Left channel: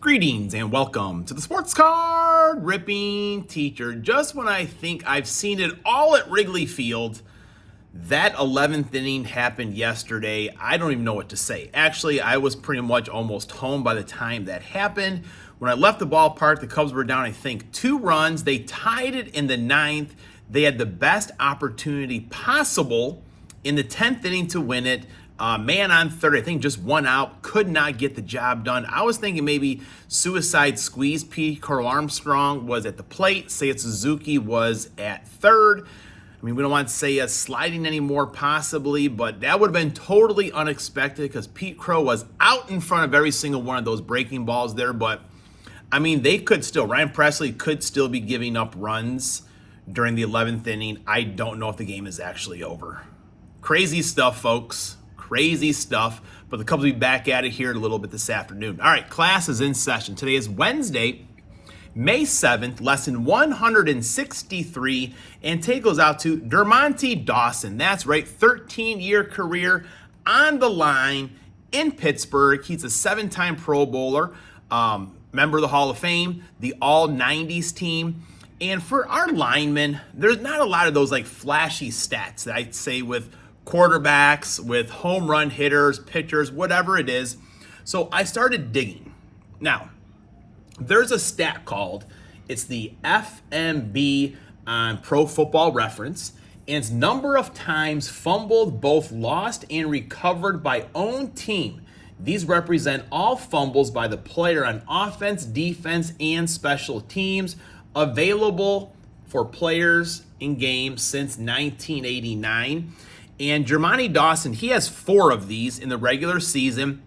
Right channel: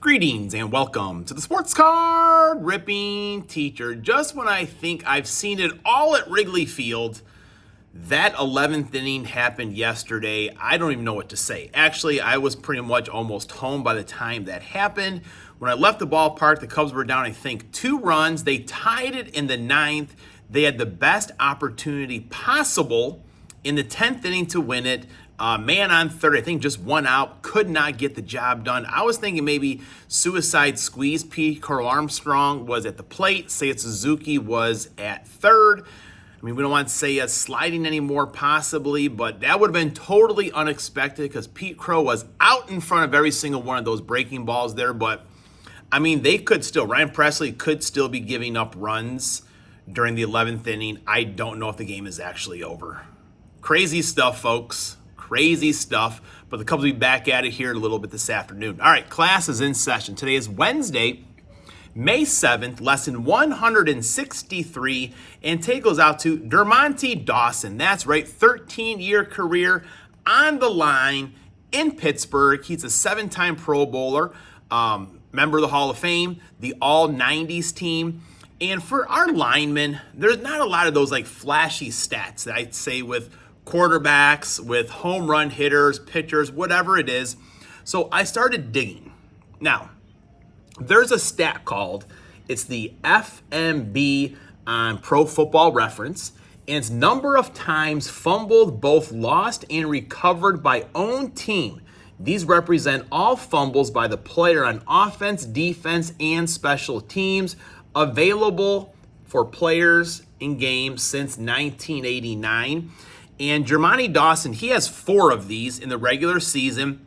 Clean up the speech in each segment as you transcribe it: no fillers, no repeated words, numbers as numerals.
Greetings and welcome to the Sports Card Ripping Teacher. Just when I think I've seen it all at Wrigley Field, that 11th inning happened yesterday. I don't even know what to say. Actually, I was pretty much almost home by the time that happened. When I left the ballpark, the Cubs were down, I think, 2 runs. They tied it in the 9th. They had the best opportunity possible in the 10th inning to win it. Man on third, I think just 1 out, could not get the job done. I was thinking maybe suicide squeeze. Carl Armstrong was at the plate. Seiya Suzuki was at third. I mean, we don't want to say sliding anymore possibly, but that would have been totally unexpected because Pete Crow was out in front of every single one of those breaking balls there. But, I mean, they could still, Ryan Presley could still be giving up runs during the 11th inning. I don't know if the game is actually over. Crazy stuff, folks. Crazy stuff, but the Cubs will be back at it here a little bit this afternoon. All right, class is in session. Today is Wednesday, May 7th, lesson 163, and take goes out to Dermontti Dawson. That's right, 13-year career on the line in Pittsburgh. He's a 7-time Pro Bowler, member of the Hall of Fame, the All-90s team. And for our linemen, there's not a lot of those like flashy stats that I'd say with quarterbacks, with home run hitters, pitchers, whatever it is. So I started digging. Now, there's a stat called, it's the FMB on Pro Football Reference, and it's number of times fumbled, both lost and recovered by own team. These represent all fumbles by the player on offense, defense, and special teams, available for players in games since 1989. And Dermontti Dawson, he has 4 of these in the regular season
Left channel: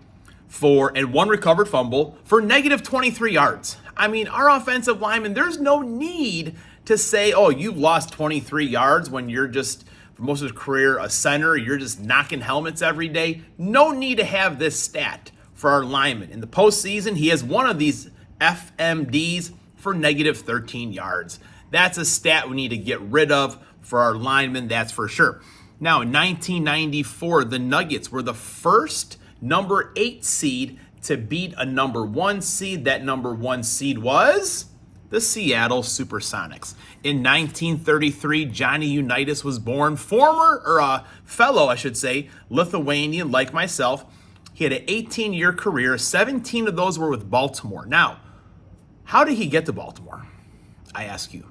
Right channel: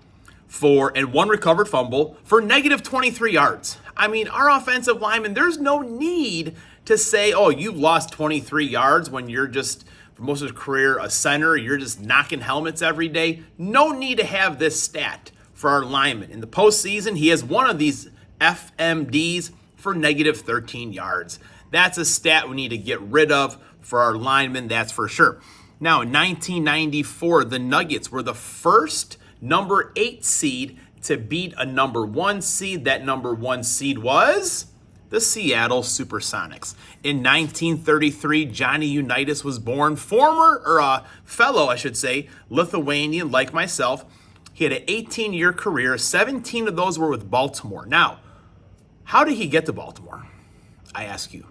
and 1 recovered fumble for negative 23 yards. I mean, our offensive linemen, there's no need to say, oh, you've lost 23 yards when you're just, for most of his career, a center. You're just knocking helmets every day. No need to have this stat for our linemen. In the postseason, he has 1 of these FMDs for negative 13 yards. That's a stat we need to get rid of for our linemen, that's for sure. Now, in 1994, the Nuggets were the first number 8 seed to beat a number 1 seed. That number 1 seed was the Seattle Supersonics. In 1933, Johnny Unitas was born, fellow, I should say, Lithuanian like myself. He had an 18-year career. 17 of those were with Baltimore. Now, how did he get to Baltimore? I ask you.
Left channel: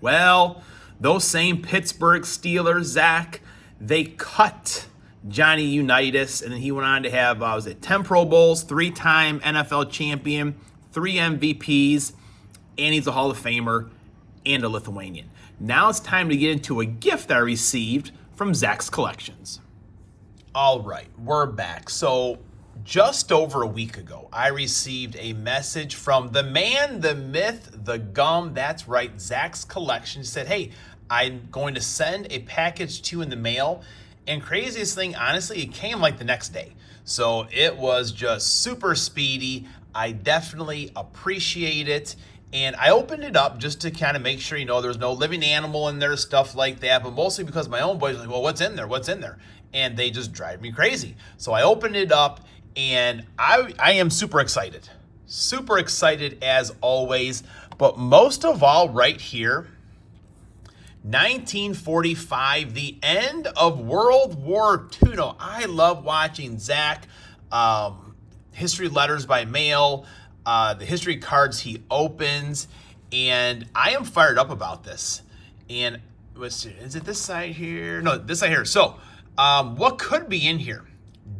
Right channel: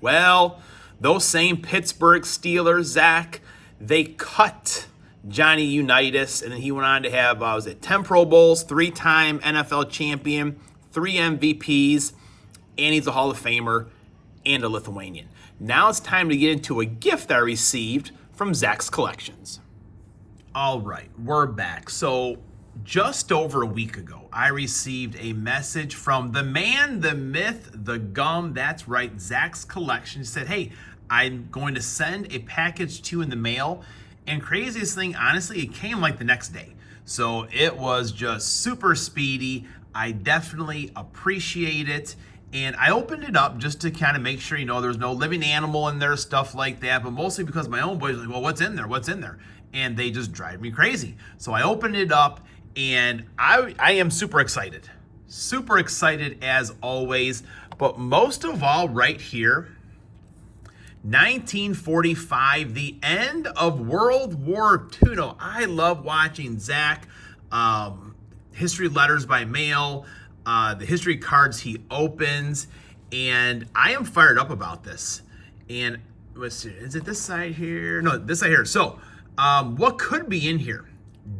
Well, those same Pittsburgh Steelers, Zach, they cut Johnny Unitas, and then he went on to have, 10 Pro Bowls, 3-time NFL champion, 3 MVPs, and he's a Hall of Famer and a Lithuanian. Now it's time to get into a gift I received from Zach's Collections. All right, we're back. So just over a week ago, I received a message from the man, the myth, the gum. That's right, Zach's Collection. He said, hey, I'm going to send a package to you in the mail. And craziest thing, honestly, it came like the next day. So it was just super speedy. I definitely appreciate it. And I opened it up just to kind of make sure, there's no living animal in there, stuff like that. But mostly because my own boys are like, well, what's in there? What's in there? And they just drive me crazy. So I opened it up. And I am super excited. Super excited as always. But most of all, right here, 1945, the end of World War II. No, I love watching Zach, history letters by mail, the history cards he opens. And I am fired up about this. And is it this side here? No, this side here. So what could be in here?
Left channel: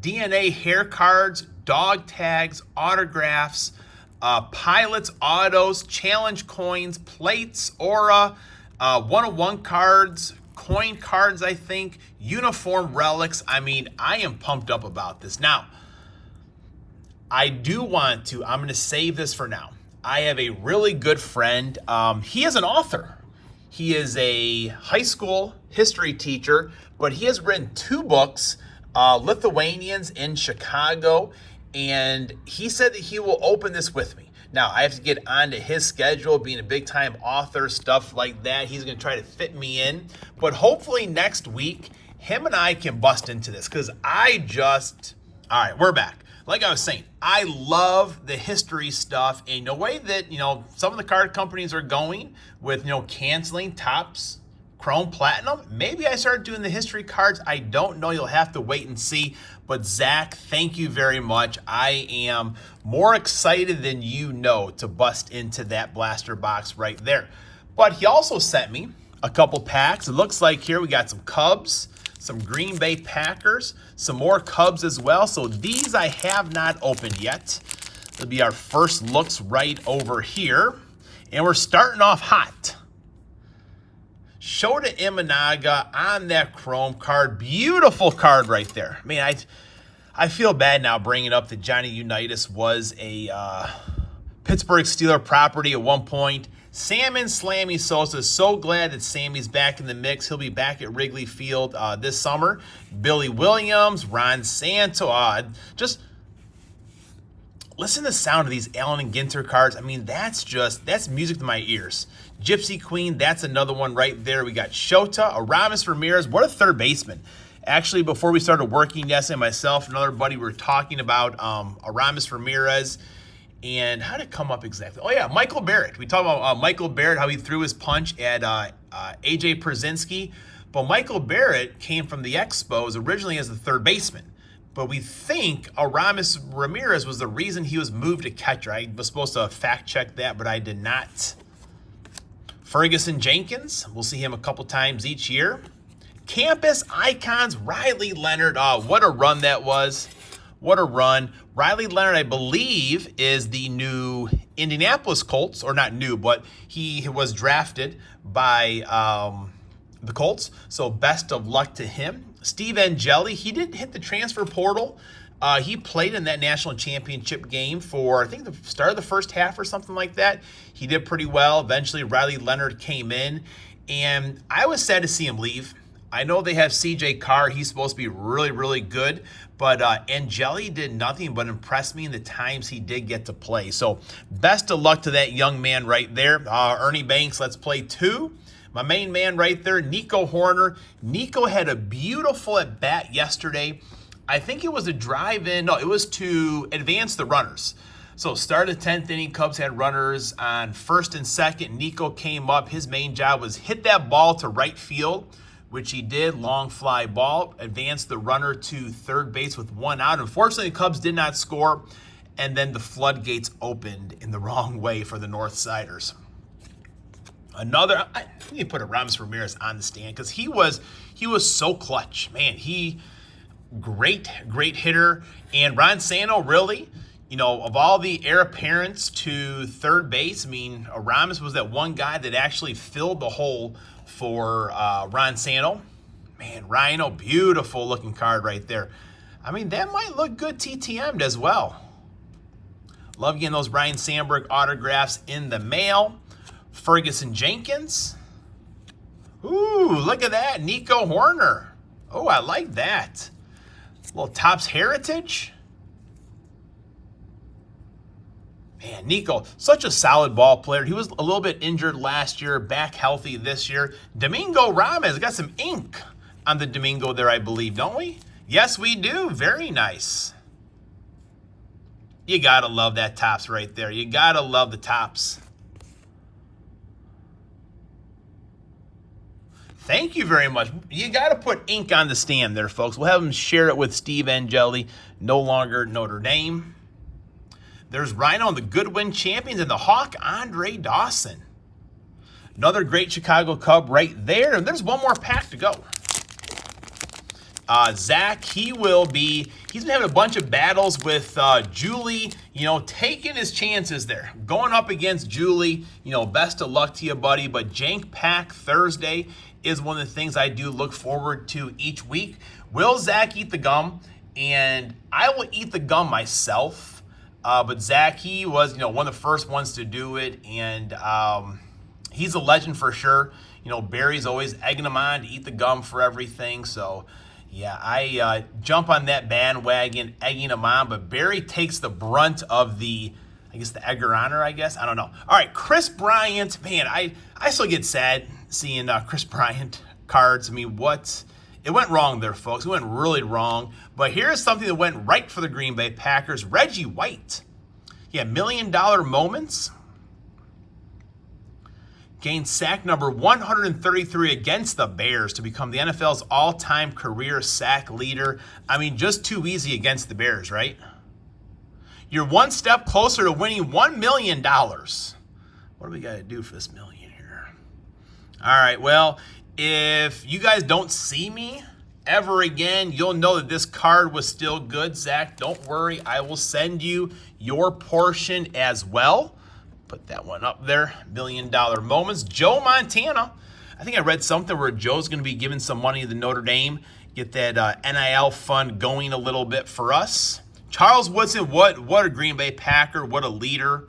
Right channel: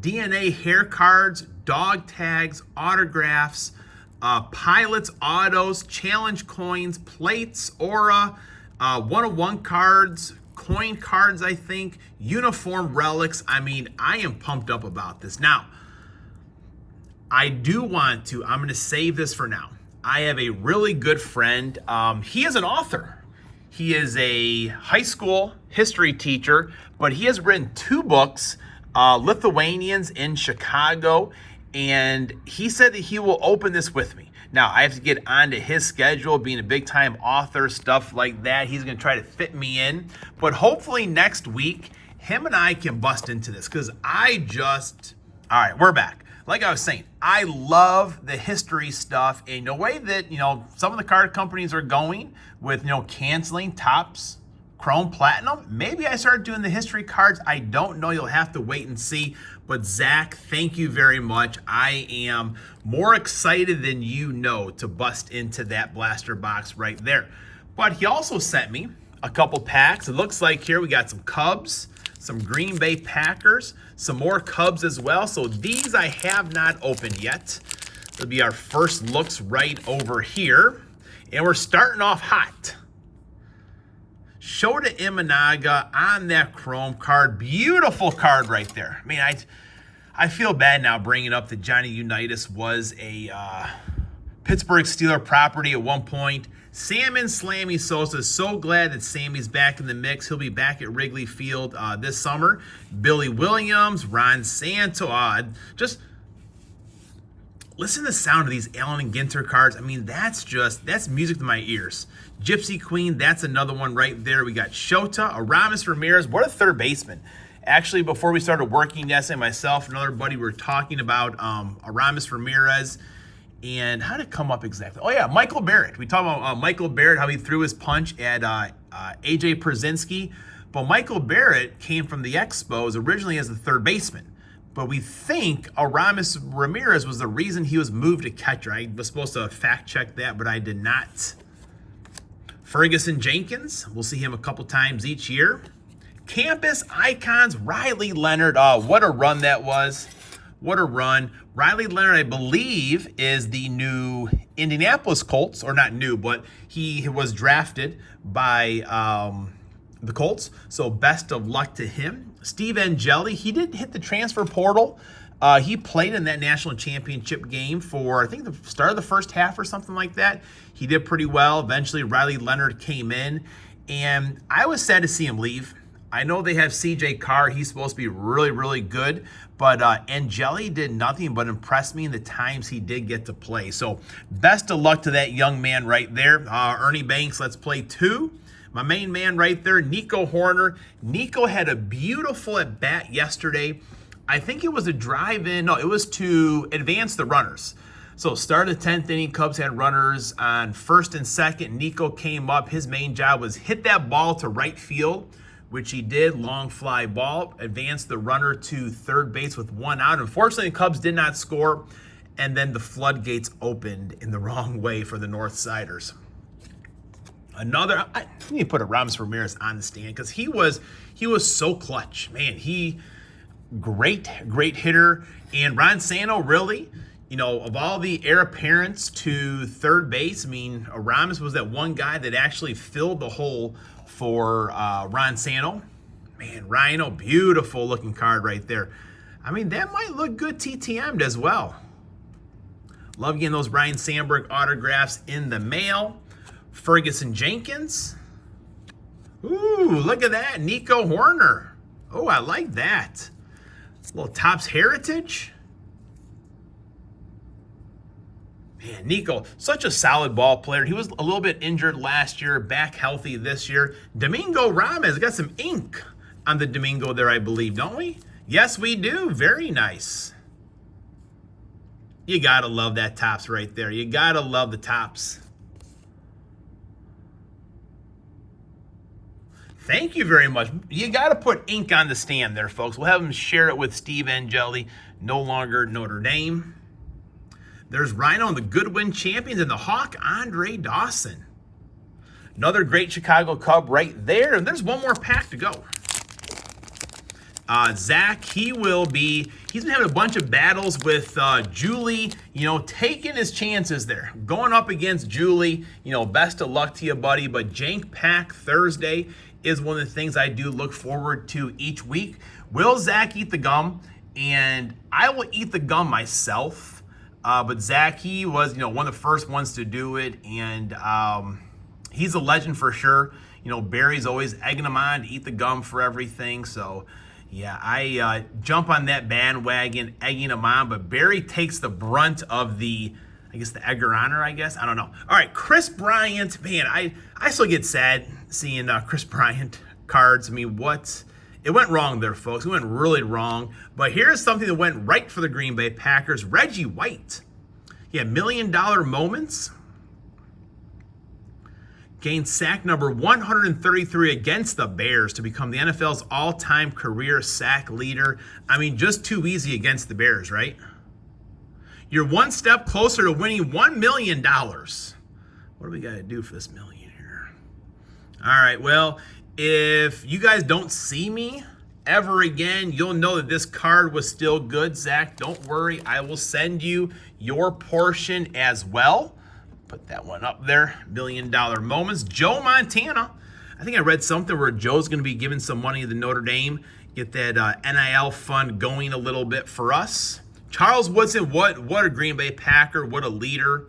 DNA hair cards, dog tags, autographs, pilots, autos, challenge coins, plates, aura, 101 cards, coin cards, I think, uniform relics. I mean, I am pumped up about this. Now, I'm going to save this for now. I have a really good friend. He is an author. He is a high school history teacher, but he has written 2 books, Lithuanians in Chicago, and he said that he will open this with me. Now, I have to get onto his schedule, being a big-time author, stuff like that. He's going to try to fit me in, but hopefully next week, him and I can bust into this, because all right, we're back. like I was saying, I love the history stuff, and the way that, some of the card companies are going with, canceling Topps Chrome Platinum. Maybe I start doing the history cards. I don't know. You'll have to wait and see. But Zach, thank you very much. I am more excited than to bust into that blaster box right there. But he also sent me a couple packs. It looks like here we got some Cubs, some Green Bay Packers, some more Cubs as well. So these I have not opened yet. It'll be our first looks right over here. And we're starting off hot. Shota Imanaga on that Chrome card. Beautiful card right there. I mean, I feel bad now bringing up that Johnny Unitas was a Pittsburgh Steeler property at one point. Salmon Slammy Sosa, so glad that Sammy's back in the mix. He'll be back at Wrigley Field this summer. Billy Williams, Ron Santo, just listen to the sound of these Allen and Ginter cards. I mean, that's music to my ears. Gypsy Queen, that's another one right there. We got Shota, Aramis Ramirez. What a third baseman. Actually, before we started working yesterday, myself and another buddy were talking about Aramis Ramirez. And how did it come up exactly? Oh, yeah, Michael Barrett. We talked about Michael Barrett, how he threw his punch at A.J. Pierzynski. But Michael Barrett came from the Expos originally as the third baseman. But we think Aramis Ramirez was the reason he was moved to catcher. I was supposed to fact check that, but I did not. Ferguson Jenkins, we'll see him a couple times each year. Campus Icons, Riley Leonard. Oh, what a run that was. What a run. Riley Leonard, I believe, is the new Indianapolis Colts, or not new, but he was drafted by the Colts. So best of luck to him. Steve Angeli, he did hit the transfer portal. He played in that national championship game for, I think, the start of the first half or something like that. He did pretty well. Eventually, Riley Leonard came in, and I was sad to see him leave. I know they have C.J. Carr. He's supposed to be really, really good. But Angeli did nothing but impress me in the times he did get to play. So best of luck to that young man right there. Ernie Banks, let's play 2. My main man right there, Nico Horner. Nico had a beautiful at-bat yesterday. I think it was a drive-in. No, it was to advance the runners. So start of the 10th inning, Cubs had runners on first and second. Nico came up. His main job was hit that ball to right field, which he did. Long fly ball. Advanced the runner to third base with 1 out. Unfortunately, the Cubs did not score, and then the floodgates opened in the wrong way for the North Siders. Another, I need to put Aramis Ramirez on the stand because he was so clutch. Man, great hitter. And Ron Santo, really, of all the heir apparents to third base, I mean, Aramis was that one guy that actually filled the hole for Ron Santo. Man, Rhino, beautiful looking card right there. I mean, that might look good TTM'd as well. Love getting those Ryan Sandberg autographs in the mail. Ferguson Jenkins. Ooh, look at that. Nico Horner. Oh, I like that. A little Topps Heritage. Man, Nico, such a solid ball player. He was a little bit injured last year, back healthy this year. Domingo Ramirez, got some ink on the Domingo there, I believe, don't we? Yes, we do. Very nice. You gotta love that Topps right there. You gotta love the Topps. Thank you very much. You got to put ink on the stand there, folks. We'll have them share it with Steve Angeli, no longer Notre Dame. There's Rhino and the Goodwin champions and the Hawk, Andre Dawson. Another great Chicago Cub right there. And there's one more pack to go. Zach, he's been having a bunch of battles with Julie, taking his chances there. Going up against Julie, best of luck to you, buddy. But Jank Pack Thursday is one of the things I do look forward to each week. Will Zach eat the gum? And I will eat the gum myself. But Zach, he was, one of the first ones to do it. And he's a legend for sure. Barry's always egging him on to eat the gum for everything. So, yeah, I jump on that bandwagon, egging him on. But Barry takes the brunt of the egger honor, I guess. I don't know. All right, Chris Bryant. Man, I still get sad seeing Chris Bryant cards. I mean, what It went wrong there, folks. It went really wrong. But here's something that went right for the Green Bay Packers. Reggie White. He had $1 million moments. Gained sack number 133 against the Bears to become the NFL's all-time career sack leader. I mean, just too easy against the Bears, right? You're one step closer to winning $1 million. What do we got to do for this million here? All right, well, if you guys don't see me ever again, you'll know that this card was still good. Zach, don't worry. I will send you your portion as well. Put that one up there. $1 million moments. Joe Montana. I think I read something where Joe's going to be giving some money to Notre Dame. Get that NIL fund going a little bit for us. Charles Woodson, what a Green Bay Packer. What a leader.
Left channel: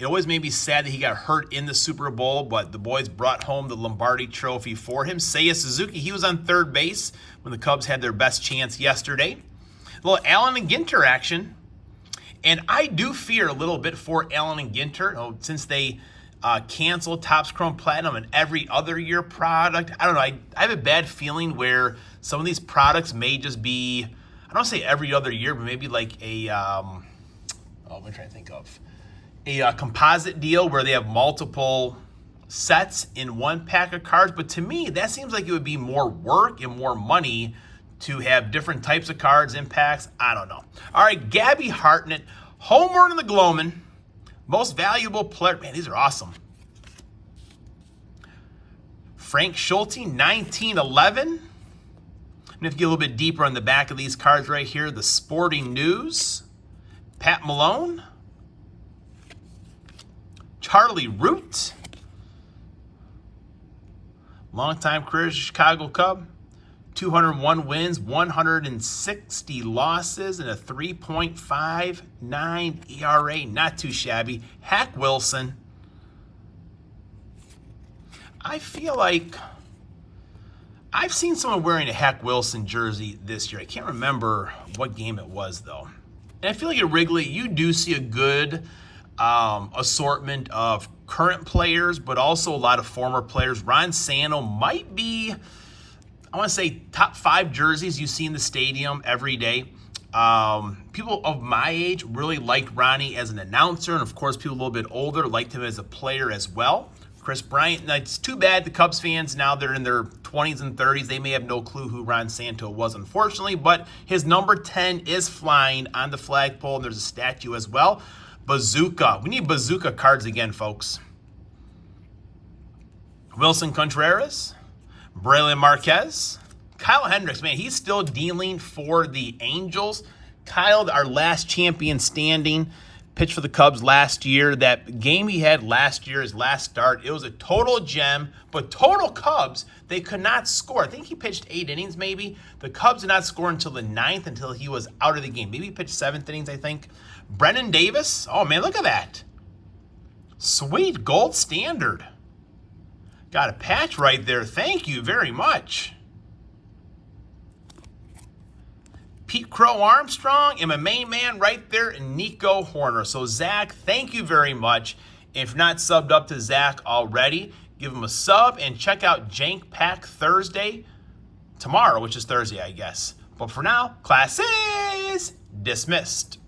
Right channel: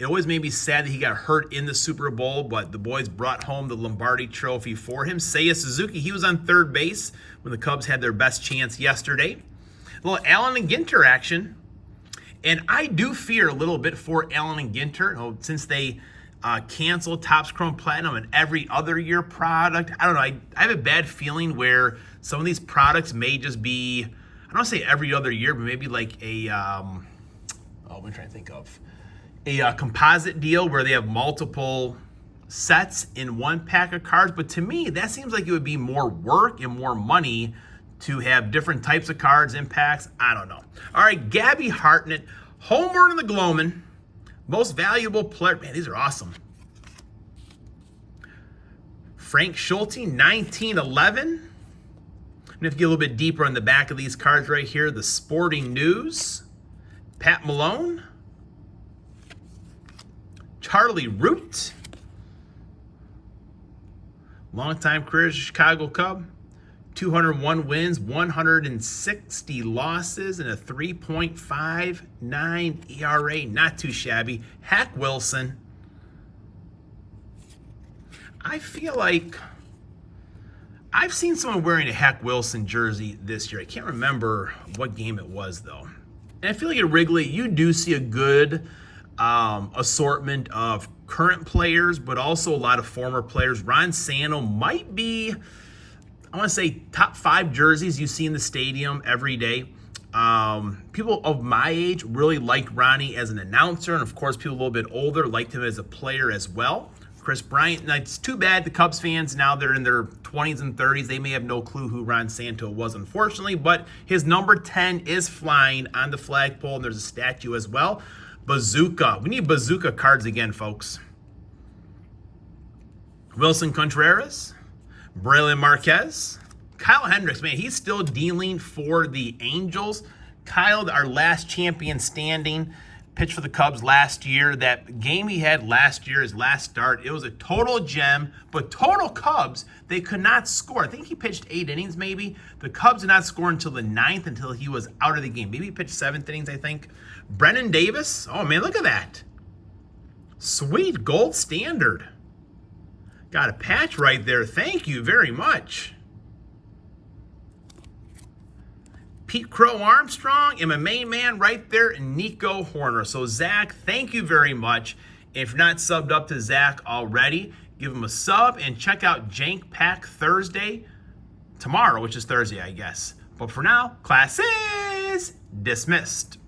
It always made me sad that he got hurt in the Super Bowl, but the boys brought home the Lombardi Trophy for him. Seiya Suzuki, he was on third base when the Cubs had their best chance yesterday. A little Allen and Ginter action. And I do fear a little bit for Allen and Ginter, since they canceled Topps Chrome Platinum and every other year product. I don't know. I have a bad feeling where some of these products may just be, I don't want to say every other year, but maybe like a, I'm trying to think of a composite deal where they have multiple sets in one pack of cards. But to me, that seems like it would be more work and more money to have different types of cards in packs. I don't know. All right, Gabby Hartnett, home run in the Gloman, most valuable player. Man, these are awesome. Frank Schulte, 1911. I'm going to have to get a little bit deeper on the back of these cards right here. The Sporting News. Pat Malone. Charlie Root. Longtime career as a Chicago Cub. 201 wins, 160 losses, and a 3.59 ERA. Not too shabby. Hack Wilson. I feel like I've seen someone wearing a Hack Wilson jersey this year. I can't remember what game it was, though. And I feel like at Wrigley, you do see a good assortment of current players, but also a lot of former players. Ron Santo might be, I want to say, top 5 jerseys you see in the stadium every day. People of my age really liked Ronnie as an announcer, and of course, people a little bit older liked him as a player as well. Chris Bryant, it's too bad the Cubs fans, now they're in their 20s and 30s, they may have no clue who Ron Santo was, unfortunately, but his number 10 is flying on the flagpole, and there's a statue as well. Bazooka. We need bazooka cards again, folks. Wilson Contreras. Braylon Marquez. Kyle Hendricks, man, he's still dealing for the Angels. Kyle, our last champion standing, pitched for the Cubs last year. That game he had last year, his last start, it was a total gem, but total Cubs, they could not score. I think he pitched 8 innings maybe. The Cubs did not score until the 9th, until he was out of the game. Maybe he pitched 7th innings, I think. Brennan Davis, oh man, look at that. Sweet, gold standard. Got a patch right there. Thank you very much. Pete Crow Armstrong, and my main man right there, Nico Horner. So Zach, thank you very much. If you're not subbed up to Zach already, give him a sub and check out Jank Pack Thursday tomorrow, which is Thursday, I guess. But for now, class is dismissed.